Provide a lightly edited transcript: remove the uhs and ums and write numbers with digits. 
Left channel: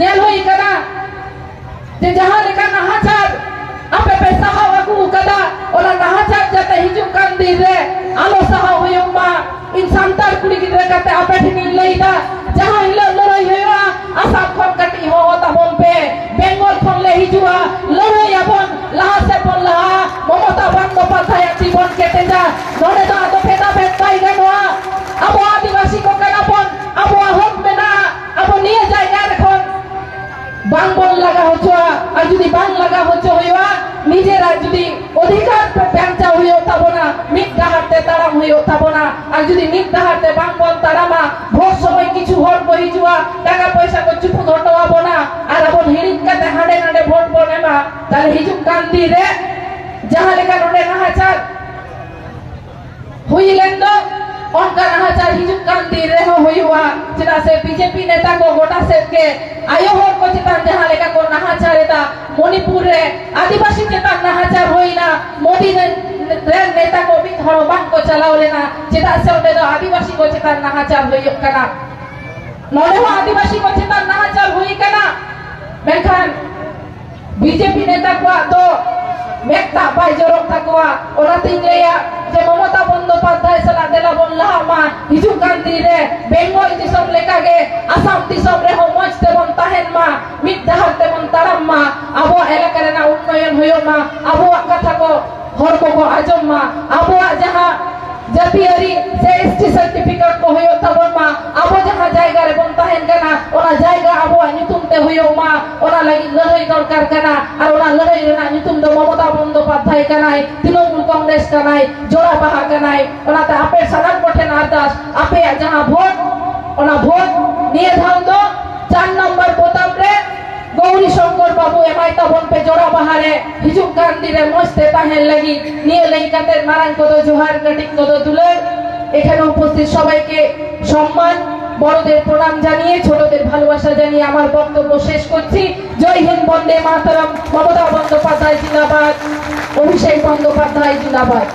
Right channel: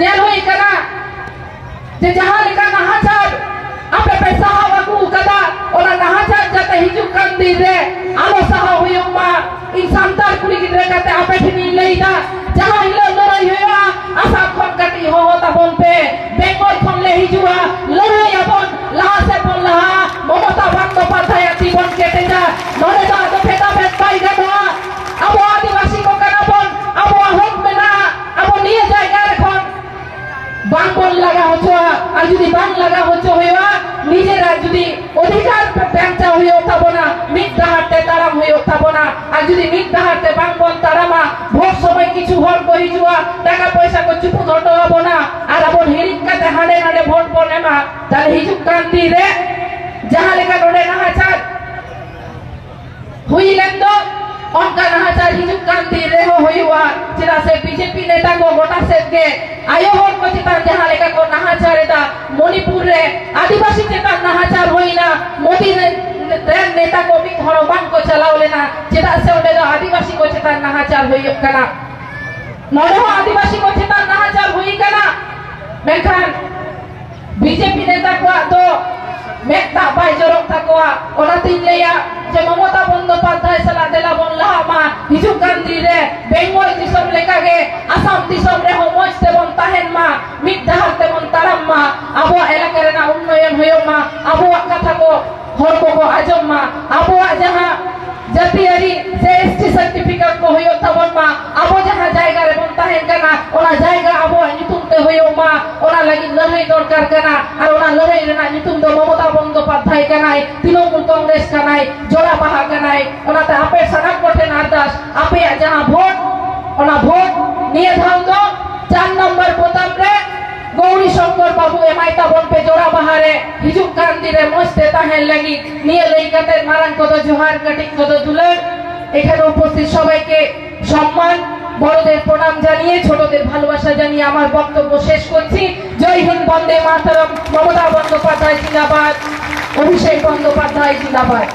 Nail हुई कना जे जहां लेका नाहाचार आपे पे साहा वाकू कदा ओला नाहाचार जाते हिजु कान दी रे आलो साहा हुयम मा इन सांतार कुड़ी गिदरे कते आपे ठिनी लईदा जहां हिलो लड़ाई होया आसा खन कटी हो होता बोन पे बेंगल खन ले हिजुआ लड़ाई अपन लहा से बोन लहा ममता बंदोपाध्याय जीवन केटे जा नोड़े दा तो फेटा फेट पाई गनवा अब आदिवासी को करापन अब हक मेना अब निये जायगा रखन बांगबन लगा होचोआ আর যদি বাং লাগা হচ্ছে হইবা নিজেরা যদি অধিকার ব্যাংচা হইও তাবনা মিথ্যাহাতে তারাম হইও তাবনা আর যদি মিথ্যাহাতে বাংবন তারামা ভোট সময় কিছু হল কই জুয়া টাকা পয়সা কো চুপ ধটো হবনা আর আপন হিরিকাতে হাড়ে হাড়ে ভোট বলেমা তাহলে হিজুক কান্তি রে যাহা লেখা নোড়ে নাহাচার হুইলেন তো उनका नाहाचार हिजुक कांति रेहो होइवा चिरा से बीजेपी नेता को गोटा से के आयो हो को चितान जहां लेका को नाहाचार एता मणिपुर रे आदिवासी चितान नाहाचार होइना मोदी रे नेता को भी धरोबान को चलाओ लेना चिता से ओडे आदिवासी को चितान नाहाचार होइयो कना नोडे हो आदिवासी को चितान नाहाचार होई कना मेखान बीजेपी नेता को तो मेता बाय जरक तकोआ ओना तीन लेया जे ममता बंदोपाध्याय सला देला बोन लहा मा हिजु कांति रे बेंगल दिसम लेका गे आसाम दिसम रे हो मजते बन ताहेन मा मिथ्याहाते बन ताराम मा आबो एलाका रेना उन्नयन होयो मा आबो कथा को हर को आजम मा आबो जहां जातियारी से एसटी सर्टिफिकेट को होयो तबन मा आबो जहां जायगा रे बन ताहेन कना ओना जायगा आबो नितुम ते होयो मा ओना लागि लड़ाई दरकार कना और ओना लड़ाई रेना नितुम दो ममता बंदोपाध्याय कनाय तृणमूल कांग्रेस कनाय जोड़ा बाहा कनाय ओना ते आपे सनक कोठेन आदास आपे जहां भोट ओना भोट निये धाम दो 4 नंबर बोताम रे गौरी शंकर बाबू एमाइता बन पे जोड़ा बाहारे हिजुक कांति रे मस्ते ताहेन लगी निये लई काते मारान को दो जोहार कटिंग को दो दुलार এখানে উপস্থিত সবাইকে সম্মান বড়দের প্রণাম জানিয়ে ছোটদের ভালোবাসা জানিয়ে আমার বক্তব্য শেষ করছি জয় হিন্দ বন্দে মাতরম মমতা বন্দ্যোপাধ্যায় জিন্দাবাদ অভিষেক বন্দ্যোপাধ্যায় জিন্দাবাদ।